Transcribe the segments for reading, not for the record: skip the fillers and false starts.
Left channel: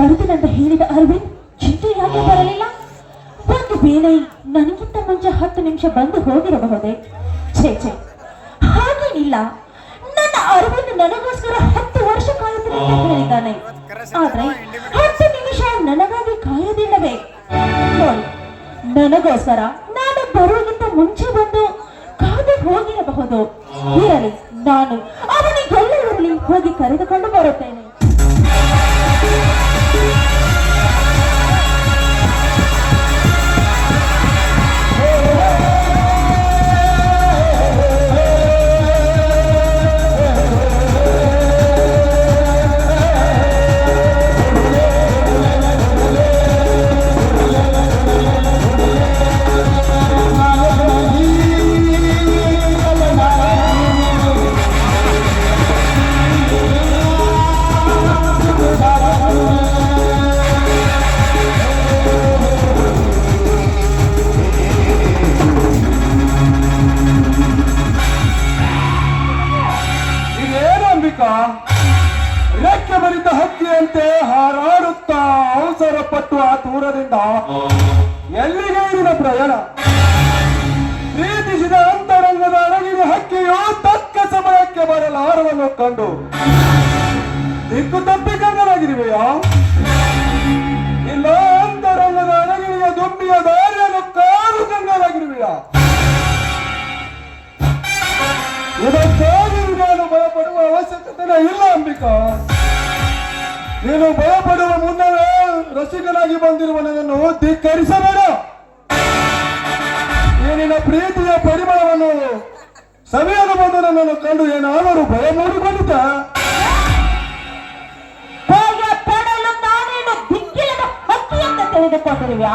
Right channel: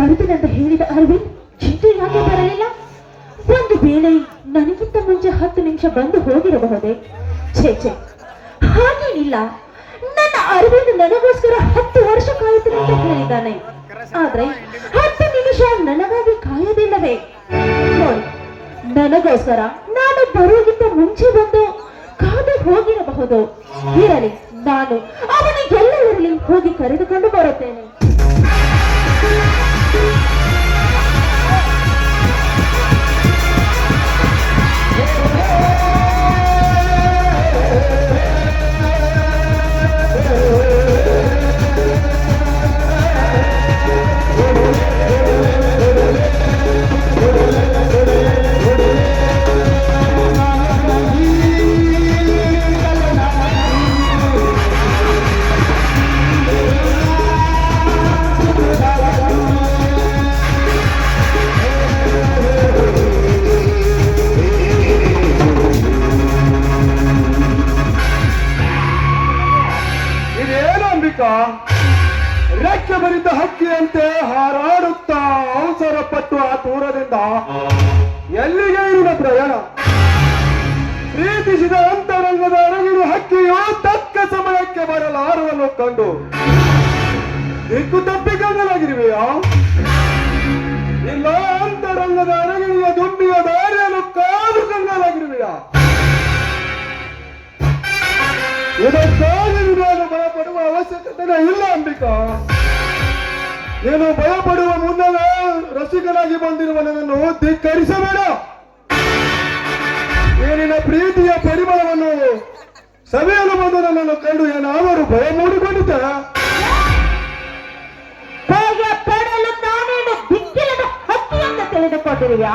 ಬರುತ್ತೇನೆಂದು ಹೇಳಿದ ಅರವಿಂದ್ ಚಿಂತೆ ಯಾಕೆ ಬರಲಿಲ್ಲ? ಒಂದು ವೇಳೆ ನನಗಿಂತ ಮುಂಚೆ 10 ನಿಮಿಷ ಬಂದು ಹೋಗಿರಬಹುದೇ? ಛೇ ಛೇ, ಹಾಗೇನಿಲ್ಲ. ನನ್ನ ಅರವಿಂದ್ ನನಗೋಸ್ಕರ 10 ವರ್ಷ ಕಾಯುತ್ತೇನೆ ಅಂತ ಹೇಳಿದ್ದಾನೆ. ಆದ್ರೆ 10 ನಿಮಿಷ ನನಗಾಗಿ ಕಾಯೋದಿಲ್ಲವೇ? ನನಗೋಸ್ಕರ ನಾನು ಬರುವುದಕ್ಕಿಂತ ಮುಂಚೆ ಬಂದು ಕಾದು ಹೋಗಿರಬಹುದು. ಇರಲಿ, ನಾನು ಅವನ ಎಲ್ಲ ಇರಲಿ ಹೋಗಿ ಕರೆದುಕೊಂಡು ಬರುತ್ತೇನೆ. ರೆಕ್ಕೆ ಬರಿದ ಹಕ್ಕಿಯಂತೆ ಹಾರಾಡುತ್ತಾ ಅವಸರ ಪಟ್ಟು ಆ ದೂರದಿಂದ ಎಲ್ಲಿಗೆ ಇರಿದ ಪ್ರಯಾಣ? ಪ್ರೀತಿಸಿದ ಅಂತರಂಗದ ಅರಗಿನ ಹಕ್ಕಿಯು ತಕ್ಕ ಸಮಯಕ್ಕೆ ಬರಲಾರವನ್ನು ಕಂಡು ದಿಕ್ಕು ತಪ್ಪಿ ಗಂಗನಾಗಿರುವೆಯಾ? ಇಲ್ಲ ಅಂತರಂಗದ ಅರಗಿಣಿಯ ದುಂಬಿಯ ದಾರಿಯನ್ನು ಕಾದು ಗಂಗನಾಗಿರುವೆಯಾ? ಇದಕ್ಕಾಗಿ ನಾನು ಭಯಪಡುವ ಅವಶ್ಯಕತೆ ಇಲ್ಲ ಅಂಬಿಕಾ. ನೀನು ಭಯಪಡುವ ಮುನ್ನವೇ ರಸಿಕನಾಗಿ ಬಂದಿರುವ ನನ್ನನ್ನು ಧಿಕ್ಕರಿಸಬೇಡ. ನಿನ್ನ ಪ್ರೀತಿಯ ಪರಿಮಳವನ್ನು ಸಭೆಯನ್ನು ಬಂದು ನನ್ನನ್ನು ಕಂಡು ಏನಾದರೂ ಭಯ ಮೂಡಿಕೊಂಡಿದ್ದ? ತಿಳಿದುಕೊಂಡಿರುವ್ಯಾ?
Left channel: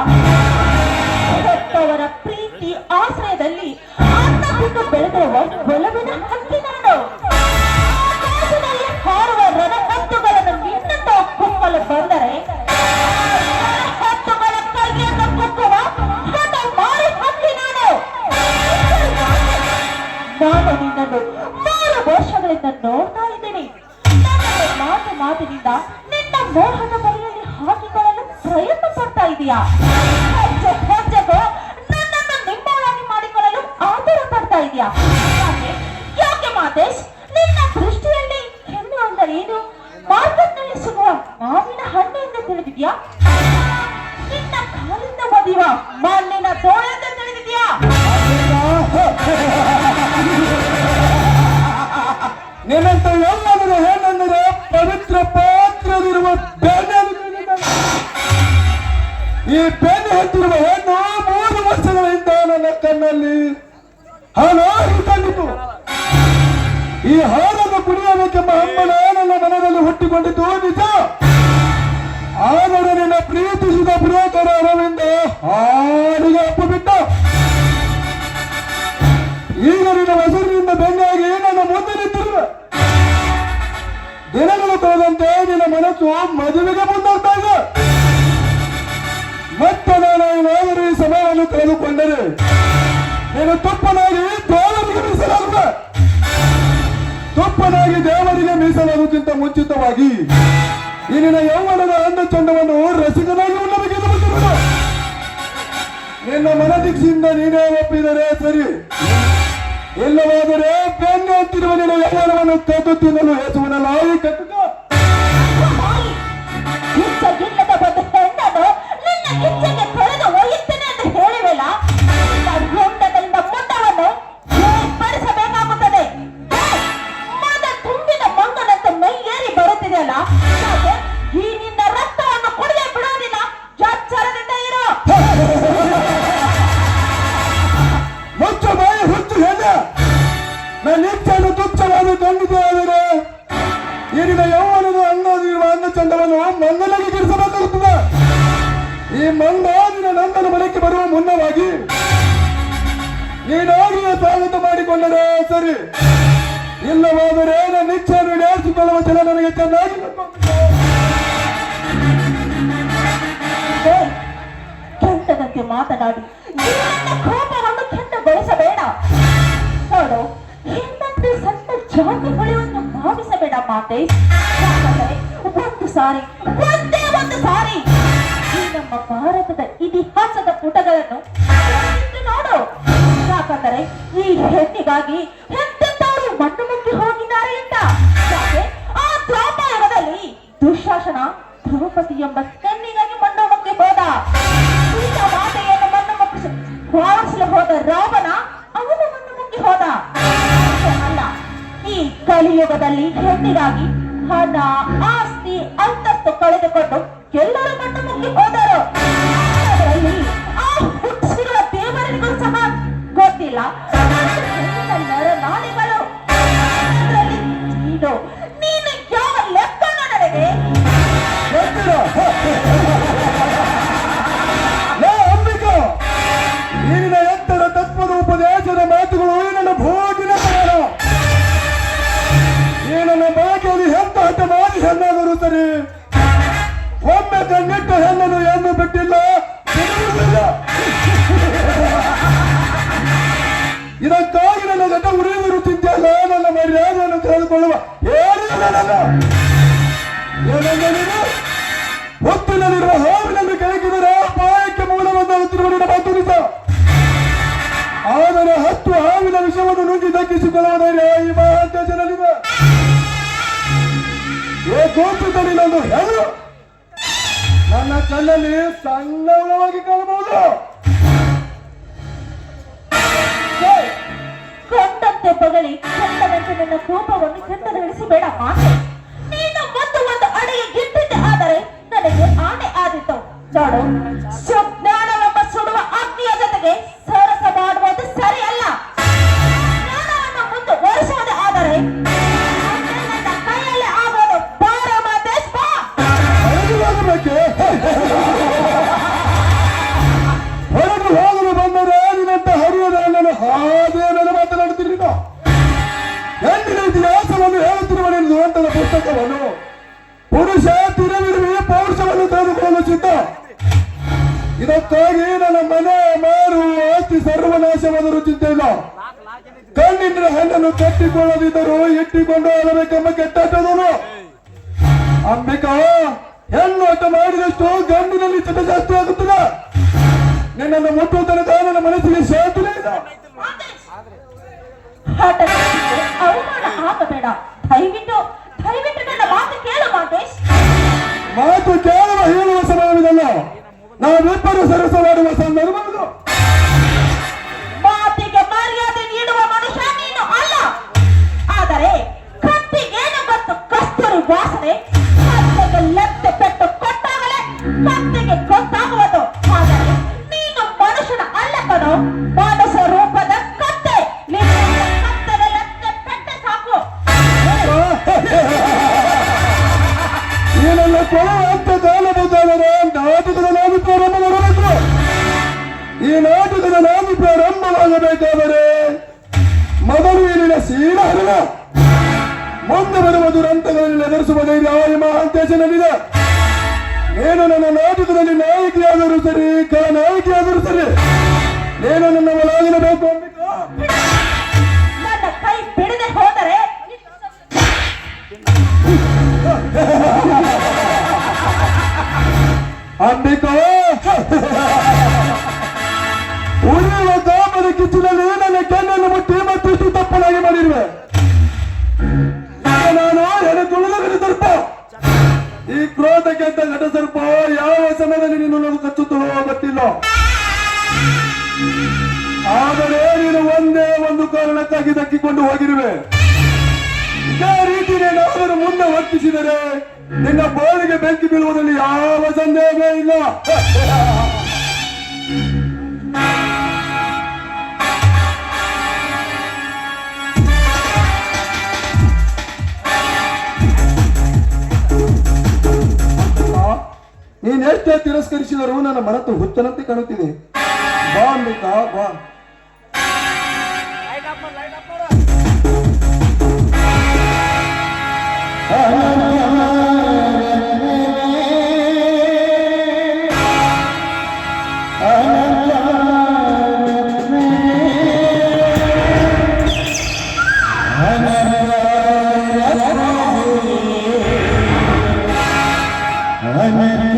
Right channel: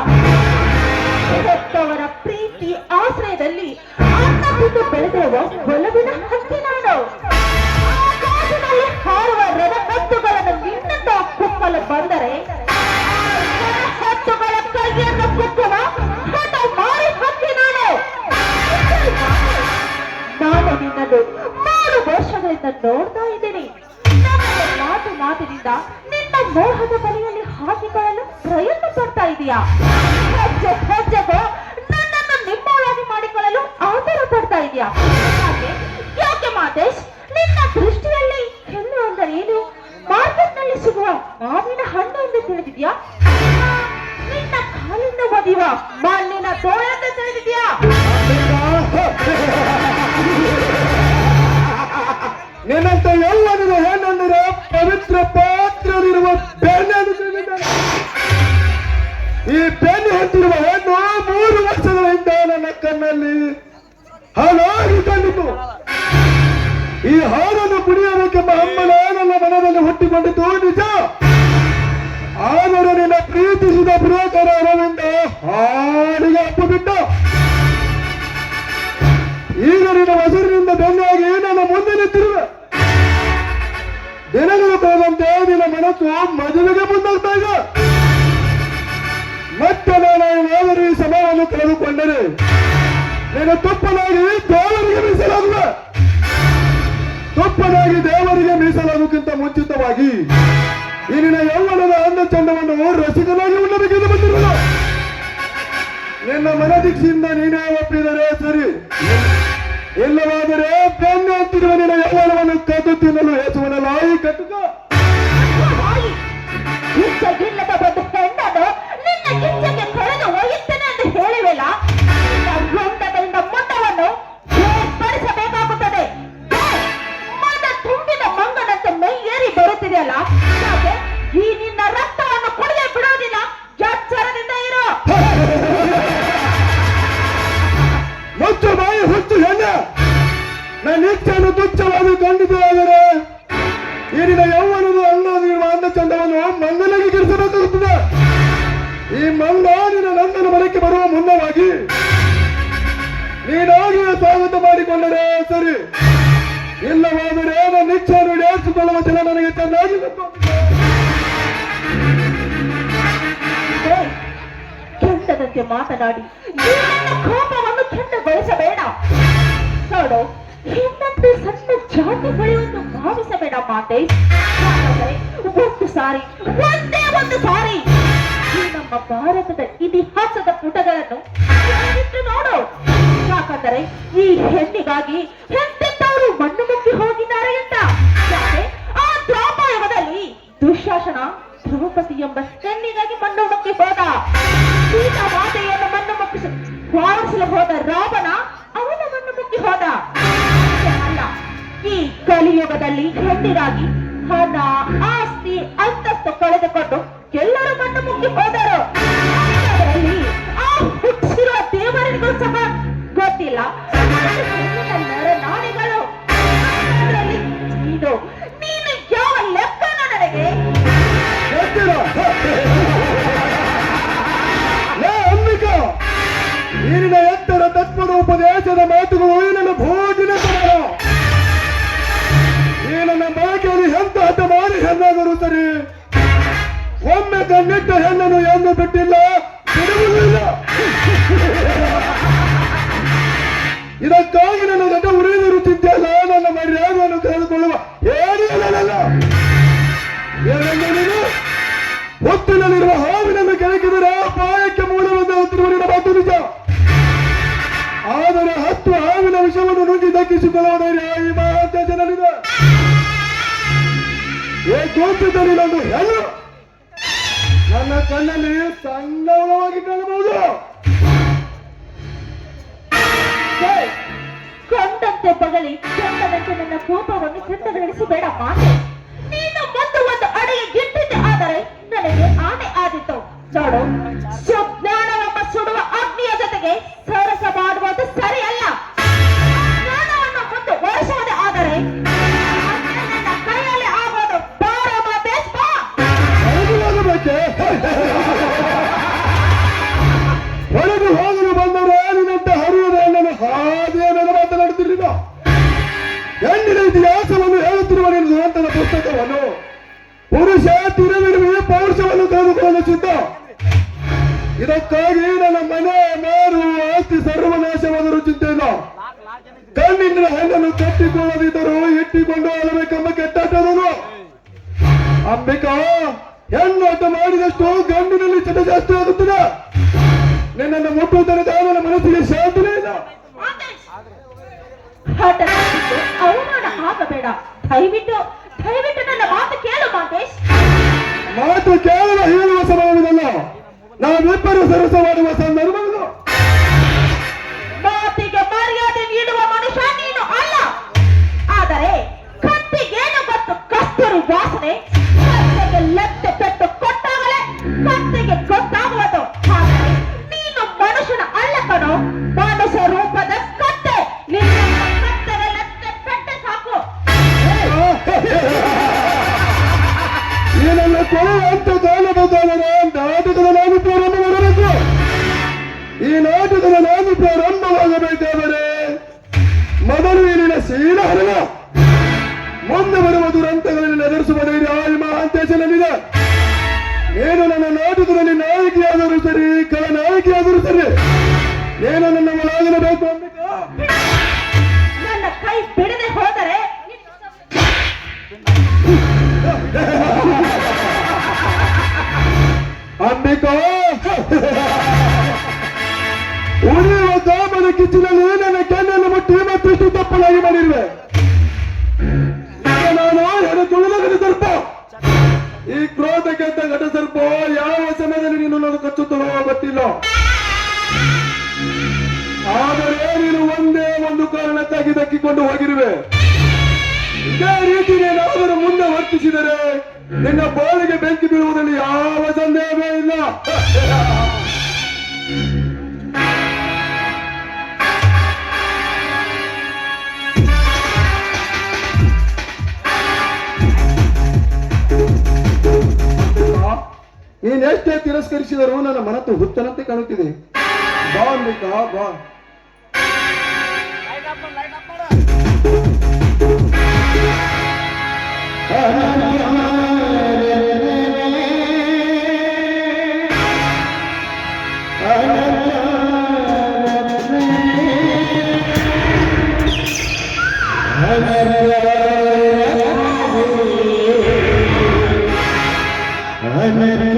ಪ್ರೀತಿ ಆಶ್ರಯದಲ್ಲಿ ಅನ್ನ ಬಿಟ್ಟು ಬೆಳೆದಿರುವ ಒಲವಿನ ಹಕ್ಕಿ ನಾನು. ಹಾರುವ ರಣಹತ್ತುಗಳನ್ನು ನಿನ್ನಂತ ಕುಕ್ಕಲು ಬಂದರೆ ಹತ್ತುಗಳ ಕೈಯನ್ನು ಕುಕ್ಕುವ ಹಠ ಮಾರಿ ಹಕ್ಕಿ ನಾನು. ನಾನು ನಿನ್ನನ್ನು 3 ವರ್ಷಗಳಿಂದ ನೋಡ್ತಾ ಇದ್ದೀನಿ. ನನ್ನ ಮಾತಿನಿಂದ ನಿನ್ನ ಮೋಹದ ಬಲೆಯಲ್ಲಿ ಹಾಕಿಕೊಳ್ಳಲು ಪ್ರಯತ್ನ ಪಡ್ತಾ ಇದೆಯಾ? ಹೆಜ್ಜೆಗೂ ನನ್ನನ್ನು ನಿಮ್ಮೊಳಗೆ ಮಾಡಿಕೊಳ್ಳಲು ಆತರ ಪಡ್ತಾ ಇದೆಯಾ? ಯಾಕೆ ಮಾತೇಶ್, ನಿನ್ನ ದೃಷ್ಟಿಯಲ್ಲಿ ಹೆಣ್ಣು ಅಂದರೆ ಏನು? ಮಾರ್ಕೆಟ್ನಲ್ಲಿ ಸಿಗುವ ಮಾವಿನ ಹಣ್ಣು ಎಂದು ತಿಳಿದಿದ್ಯಾ? ನಿನ್ನ ಕಾಲಿಂದ ಬದಿವ ಮಣ್ಣಿನ ತೋಳ ಎಂದು ತಿಳಿದಿದ್ಯಾ? ನಿನ್ನಂತ ಯೌವನದ ಹೆಣ್ಣೆಂದರೆ ಪವಿತ್ರ ಪಾತ್ರವಿರುವ ಬೆಣ್ಣೆ. ಈ ಬೆಣ್ಣೆ ಹತ್ತಿರುವ ಹೆಣ್ಣು 3 ವರ್ಷಗಳಿಂದ ನನ್ನ ಕಣ್ಣಲ್ಲಿ ಹಾಳಾಗಿ ಕಂಡಿತು. ಈ ಹಾಲನ್ನು ಕುಡಿಯಬೇಕೆಂಬ ಹಂಬಲ ನನ್ನ ಮನದಲ್ಲಿ ಹುಟ್ಟಿಕೊಂಡಿದ್ದು ನಿಜ. ಆದರೆ ನಿನ್ನ ಪ್ರೀತಿಸಿದ ಪ್ರಿಯಕರ ಅರವಿಂದ ಹಾಡಿಗೆ ಅಪ್ಪು ಬಿಟ್ಟ. ಈಗ ನಿನ್ನ ಹೆಸರಿನಿಂದ ಬೆನ್ನಾಗಿ ನನ್ನ ಮುಂದೆ ನಿಂತಿರುವ ದಿನಗಳು ಹೋದಂತೆ ನಿನ್ನ ಮನಸ್ಸು ಮದುವೆಗೆ ಮುಂದಾಗ್ತಾ ಇದೆ. ಮತ್ತೆ ನಾನು ಈ ಸಮಯವನ್ನು ಕಳೆದುಕೊಂಡರೆ ನೀನು ತುಪ್ಪನಾಗಿ ದೇವರಿಗೆ ಮೀಸಲಾಗುವ. ತುಪ್ಪನಾಗಿ ದೇವರಿಗೆ ಮೀಸಲಾಗುವುದಕ್ಕಿಂತ ಮುಂಚಿತವಾಗಿ ಈ ನಿನ್ನ ಯೌವನದ ಅಂದ ಚಂದವನ್ನು ರಸಿಕನಾಗಿ ಉಣ್ಣಬೇಕೆಂದು ಬಂದಿರುವ ನಿನ್ನ ಮನದೀಕ್ಷೆಯಿಂದ ನೀನೇ ಒಪ್ಪಿದರೆ ಸರಿ. ಇಲ್ಲವಾದರೆ ಬೆನ್ನು ಹತ್ತಿರುವ ನಿನ್ನ ಯೌವನವನ್ನು ಕದ್ದು ತಿನ್ನಲು ಹೆಚ್ಚುವನ ಲಾಯಿ ಕಟ್ಟುತ್ತ ಕಳೆದು ಒಯ್ಯುತ್ತೇನೆ ಎಂದು ಹೇಳಿವೆಲ್ಲ, ಮುಂಡಗಳಿಂದ ಮುಂಡವನ್ನು ಬೇರ್ಪಡಿಸಬೇಕಾಗುತ್ತದೆ. ಮನ ತುಂಬಿದ ಮಂಗನಂತೆ ಮೈಯೇರಿ ಬರುತ್ತಿದೆಯಲ್ಲ, ಈ ನಿನ್ನ ರಕ್ತವನ್ನು ಕುಡಿಯ ಬಿಡುವುದಿಲ್ಲ. ಎಚ್ಚರದಿಂದ ಇರು. ಮುಚ್ಚು ಬಾಯಿ ಹುಚ್ಚು ಹೆಣ್ಣ. ನನ್ನ ಇಚ್ಛೆಯನ್ನು ತುಚ್ಛವಾದ ಖಂಡಿತ ಆದರೆ ಈ ನಿನ್ನ ಯೌವನದ ಅಂದ ಚಂದವನ್ನು ಮಂಗನಿಗೆ ಗಿರಿಸಬೇಕಾಗುತ್ತದೆ. ಈ ಮಂಗ ನಿನ್ನ ನಂದನ ಮನೆಗೆ ಬರುವ ಮುನ್ನವಾಗಿ ನೀನಾಗಿ ಸ್ವಾಗತ ಮಾಡಿಕೊಂಡರೆ ಸರಿ. ಇಲ್ಲವಾದರೆ ನನ್ನ ಇಚ್ಛೆಯನ್ನು ಈಡೇರಿಸಿಕೊಳ್ಳುವ ಜನ ನನಗೆ ಚೆನ್ನಾಗಿ ಕೆಟ್ಟದಂತೆ ಮಾತನಾಡಿ ಕೋಪವನ್ನು ಕೆಟ್ಟಗೊಳಿಸಬೇಡ. ನೋಡು, ಹೆಣ್ಣಂತೆ ಸಣ್ಣ ಜಾತಿ ಹೊಳೆಯನ್ನು ಭಾವಿಸಬೇಡ ಮಾತೆ. ಒಂದು ಸಾರಿ ಒಂದೇ ಒಂದು ಸಾರಿ ಈ ನಮ್ಮ ಭಾರತದ ಇತಿಹಾಸದ ಪುಟಗಳನ್ನು ಇಟ್ಟು ನೋಡು. ಯಾಕಂದರೆ ಈ ಹೆಣ್ಣಿಗಾಗಿ ಎಂತೆಂತವರು ಮಣ್ಣು ಮುಕ್ಕಿ ಹೋಗಿದ್ದಾರೆ ಅಂತ. ಯಾಕೆ? ಆ ದ್ವಾಪರಯುಗದಲ್ಲಿ ದುಶ್ಯಾಸನ ದ್ರೌಪದಿ ಎಂಬ ಹೆಣ್ಣಿಗಾಗಿ ಮಣ್ಣು ಮುಕ್ಕಿ ಹೋದ. ಸೀತಾ ಮಾತೆಯನ್ನು ಮಣ್ಣು ಮುಕ್ಕಿಸಿ ವಾರಿಸಲು ಹೋದ ರಾವಣ ಅವನ ಮಣ್ಣು ಮುಕ್ಕಿ ಹೋದ. ಅಷ್ಟೇ ಅಲ್ಲ, ಈ ಕಲಿಯುಗದಲ್ಲಿ ಹೆಣ್ಣಿಗಾಗಿ ಹಣ, ಆಸ್ತಿ, ಅಂತಸ್ತು ಕಳೆದುಕೊಂಡು ಎಲ್ಲರೂ ಮಣ್ಣು ಮುಕ್ಕಿ ಹೋದರು. ಅದರಲ್ಲಿ ಆ ಹುಟ್ಟಿಸಿರುವ ದೇವರಿಗೂ ಸಹ ಗೊತ್ತಿಲ್ಲ ನಾಣಿಗಳು. ಅದರಲ್ಲಿ ನೀನು ಯಾವ ಲೆಕ್ಕನ ನನಗೆ ಗೊತ್ತಿಲ್ಲ. ಲೇ ಅಂಬಿಕಾ, ನಿನ್ನ ಎತ್ತರ ತತ್ವದ ಉಪದೇಶದ ಮಾತುಗಳು ನನ್ನ ಭೋಗಿನ ಸಮಾನ. ಈ ನನ್ನ ಬೆಳಕಿನಲ್ಲಿ ಎಂತ ಹಠ ಮಾಡಿ ಹೆಣ್ಣಾದರೂ ಸರಿ, ಒಮ್ಮೆ ಕಣ್ಣಿಟ್ಟ ಹೆಣ್ಣನ್ನು ಎಂದು ಬಿಟ್ಟಿಲ್ಲ, ಬಿಡುವುದಿಲ್ಲ. ಇದಕ್ಕಾಗಿ ನನ್ನ ಗತ ಉರಿದಿರುತ್ತಿದ್ದೆಯಲ್ಲ, ನನ್ನ ಮರ್ಯಾದೆಯನ್ನು ಕಳೆದುಕೊಳ್ಳುವ ಏನಿಲ್ಲ. ಏನೆಂದ ನೀನು? ಹೊತ್ತಿನಲ್ಲಿರುವ ಹಾವಿನನ್ನು ಕೆಳಕಿದರೆ ಪಾಯಕ್ಕೆ ಮೂಲವಂತಾಗುತ್ತಿರುವ ನಿನ್ನ ಮಾತು ನಿಜ. ಆದರೆ 10 ಹಾವಿನ ವಿಷವನ್ನು ನುಂಗಿ ದಕ್ಕಿಸಿಕೊಳ್ಳುವ ಧೈರ್ಯ ಈ ಮಹಾಂತೇಶನಲ್ಲಿದೆ. ಗೋಪಿತನಿಲ್ಲೊಂದು ಹೆಣ್ಣು ನನ್ನ ಕಣ್ಣಲ್ಲಿ ಸಂಗಮವಾಗಿ ಕಾಣಬಹುದು. ಕೊಂಡಂತೆ ಬಗಲಿ ಕೆಟ್ಟದಂತೆ ನನ್ನ ಕೋಪವನ್ನು ಕೆಟ್ಟದಳಿಸಬೇಡ ಮಾತೆ. ನೀನು ಒಂದು ಅಡಿಗೆ ಗಿಟ್ಟಿದ್ದೆ ಆದರೆ ನನಗೆ ಆನೆ ಆದಿತ್ತು. ನೋಡು, ಸುಜ್ಞಾನವೆಂಬ ಸುಡುವ ಅಗ್ನಿಯ ಜೊತೆಗೆ ಸರಸ ಮಾಡುವುದು ಸರಿಯಲ್ಲ. ಜ್ಞಾನವನ್ನು ಮುಂದುವರಿಸುವುದೇ ಆದರೆ ನನ್ನ ಕೈಯಲ್ಲಿ ಆಗೋದು ಬಾರ ಮಾತೇಶ್ ಬಾ. ಹೊರಗೆ ಹೋಗಲು ಬಂದರೆ ನಿನ್ನಂತ ಹರಿಯದ ಹೆಣ್ಣನ್ನು ಹಾಗೆ ನನ್ನ ಮಾತನಾಡುತ್ತಿರಲಿಲ್ಲ. ಹೆಣ್ಣಿನ ಇತಿಹಾಸವನ್ನು ಹೇಳುತ್ತಿರುವ ನಿನ್ನ ದುರಂತದ ಪುಸ್ತಕವನ್ನು ಪುರುಷ ತಿರವಿಡುವೆ ಪೌರುಷವನ್ನು ತೆಗೆದುಕೊಳ್ಳಲು ಸಿದ್ಧ. ಇದಕ್ಕಾಗಿ ನನ್ನ ಮನೆ ಮಾರು ಆಸ್ತಿ ಸರ್ವನಾಶವಾದರೂ ಚಿಂತೆ ಇಲ್ಲ. ಕಣ್ಣಿನ ಹೆಣ್ಣನ್ನು ಕಟ್ಟಿಕೊಳ್ಳದಿದ್ದರೂ ಇಟ್ಟಿಕೊಂಡು ಹೋಗಬೇಕೆಂಬ ಕೆಟ್ಟಾಟದವನು. ಅಂಬಿಕಾ, ಹೆಣ್ಣು ಆಟ ಮಾಡಿದಷ್ಟು ಗಂಡಿನಲ್ಲಿ ಚಟ ಜಾಸ್ತಿ ಆಗುತ್ತದೆ. ನಿನ್ನನ್ನು ಮುಟ್ಟುವ ತನಕ ನನ್ನ ಮನಸ್ಸಿಗೆ ಶಾಂತಿನೇ ಇಲ್ಲ. ಅವಮಾನ ಆಗಬೇಡ. ದಯವಿಟ್ಟು ನನ್ನ ಮಾತು ಕೇಳು ಮಾತೇಶ್. ಮಾತು ಕೇವಲ ಹೇಳುವ ಸಮಯವಿದಲ್ಲ, ನಾವಿಬ್ಬರು ಸರಸ ಮಾಡುವ ಸಂದರ್ಭವಿದು. ಮಾತಿಗೆ ಮರ್ಯಾದೆ ನೀಡುವ ಮನುಷ್ಯ ನೀನು ಅಲ್ಲ. ಆದರೆ ಕತ್ತಿಗೇನು ಮತ್ತು ಕಸ್ತೂರಿ ವಾಸನೆ ಕತ್ತಿಗೆ ಲತ್ತೆ ಪೆಟ್ಟು ಕೊಟ್ಟಾಗಲೇ ಕತ್ತಿಗೆ ಗೊತ್ತಾಗುವುದು. ಆದರೆ ನೀನು ಮನುಷ್ಯನ ಅಲ್ಲ ಕಣೋ, ಮನುಷ್ಯ ರೂಪದ ಕತ್ತೆ. ಕತ್ತೆಗೆ ಲತ್ತೆ ಪೆಟ್ಟು ಸಾಕು. ಈ ನನ್ನ ಕೊನೆಯ ಅಂತ ಕಾಲಬೇಕಾದರೆ ನಾಟಕದ ನಾವಿ ಪ್ರಾರಂಭ ಮಾಡಬೇಕು. ಈ ನಾಟಕದ ನಾವಿ ಪ್ರಾರಂಭವಾಗಬೇಕಾದರೆ ಮೊದಲು ಇಲ್ಲಿನ ಶೀಲಹರಣ, ಮುಂದೆ ಬರುವ ದುರಂತಗಳಲ್ಲಿ ಎದುರಿಸುವ ಧೈರ್ಯ ಈ ಮಹಾಂತೇಶನಲ್ಲಿದೆ. ನೀನು ನನ್ನ ನಾಟಕದಲ್ಲಿ ನಾಯಕಿಯಾದರೂ ಸರಿ, ನಾಯಕಿಯಾದರೂ ಸರಿ, ನೀನು ನನ್ನ ಒಳಗಿರಬೇಕು. ಅಂಬಿಕಾ, ನನ್ನ ಕೈ ಬಿಡದೆ ಹೋದರೆ ಅಂಬಿಕಾ, ಉಳಿಯುವ ಕಾಮನ ಕಿಚ್ಚಿನಲ್ಲಿ ನನ್ನ ಕೆಣ್ಣನ್ನು ಮುಟ್ಟಿ ಮತ್ತಿಷ್ಟು ತಪ್ಪಲಾಗಿ ಮಾಡಿರುವೆ. ನಾನು ಎಡೆದುಳಿದ ಸರ್ಪ. ಈ ಕ್ರೋಧಕ್ಕೆ ಘಟ ಸರ್ಪ ಯಾವ ಸಮಯದಲ್ಲಿ ನೀನು ಕಚ್ಚುತ್ತಲೋ ಗೊತ್ತಿಲ್ಲ. ಆದರೆ ನೀನು ಒಂದೇ ಒಂದು ಕಾರಣಕ್ಕಾಗಿ ದಕ್ಕಿಕೊಂಡು ಹೋಗಿರುವೆ. ಇದೇ ರೀತಿ ನೀನಾದರೂ ಮುಂದೆ ವರ್ತಿಸಿದರೆ ನಿನ್ನ ಬಾಳಿಗೆ ಬೆಂಕಿ ಬೀಳುವುದರಲ್ಲಿ ಯಾವ ಸಂದೇಹವೇ ಇಲ್ಲ. ನೀನೆಷ್ಟೇ ತಿರಸ್ಕರಿಸಿದರೂ ನನ್ನ ಮನತ್ತು ಹುಚ್ಚನಂತೆ ಕಾಣುತ್ತಿದೆ. ಬಾ ಅಂಬಿಕಾ, ಬಾ. I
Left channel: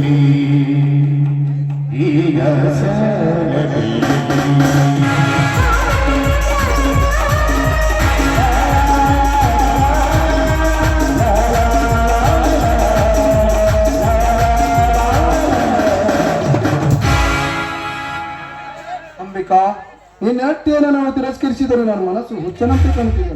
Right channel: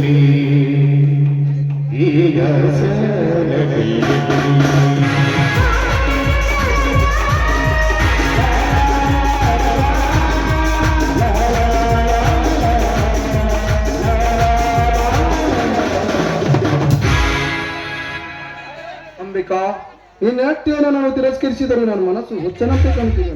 ನದಿಯಲ್ಲಿ ಈ ಆಸೆ ನದಿಯಲ್ಲಿ ಅಂಬಿಕಾ, ಈ ನಾಟ್ಯವನ್ನು ನಾವು ತಿರಸ್ಕರಿಸಿದರೆ ನನ್ನ ಮನಸ್ಸು ಹುಚ್ಚನಂತೆ ಕಾಣುತ್ತಿದೆ.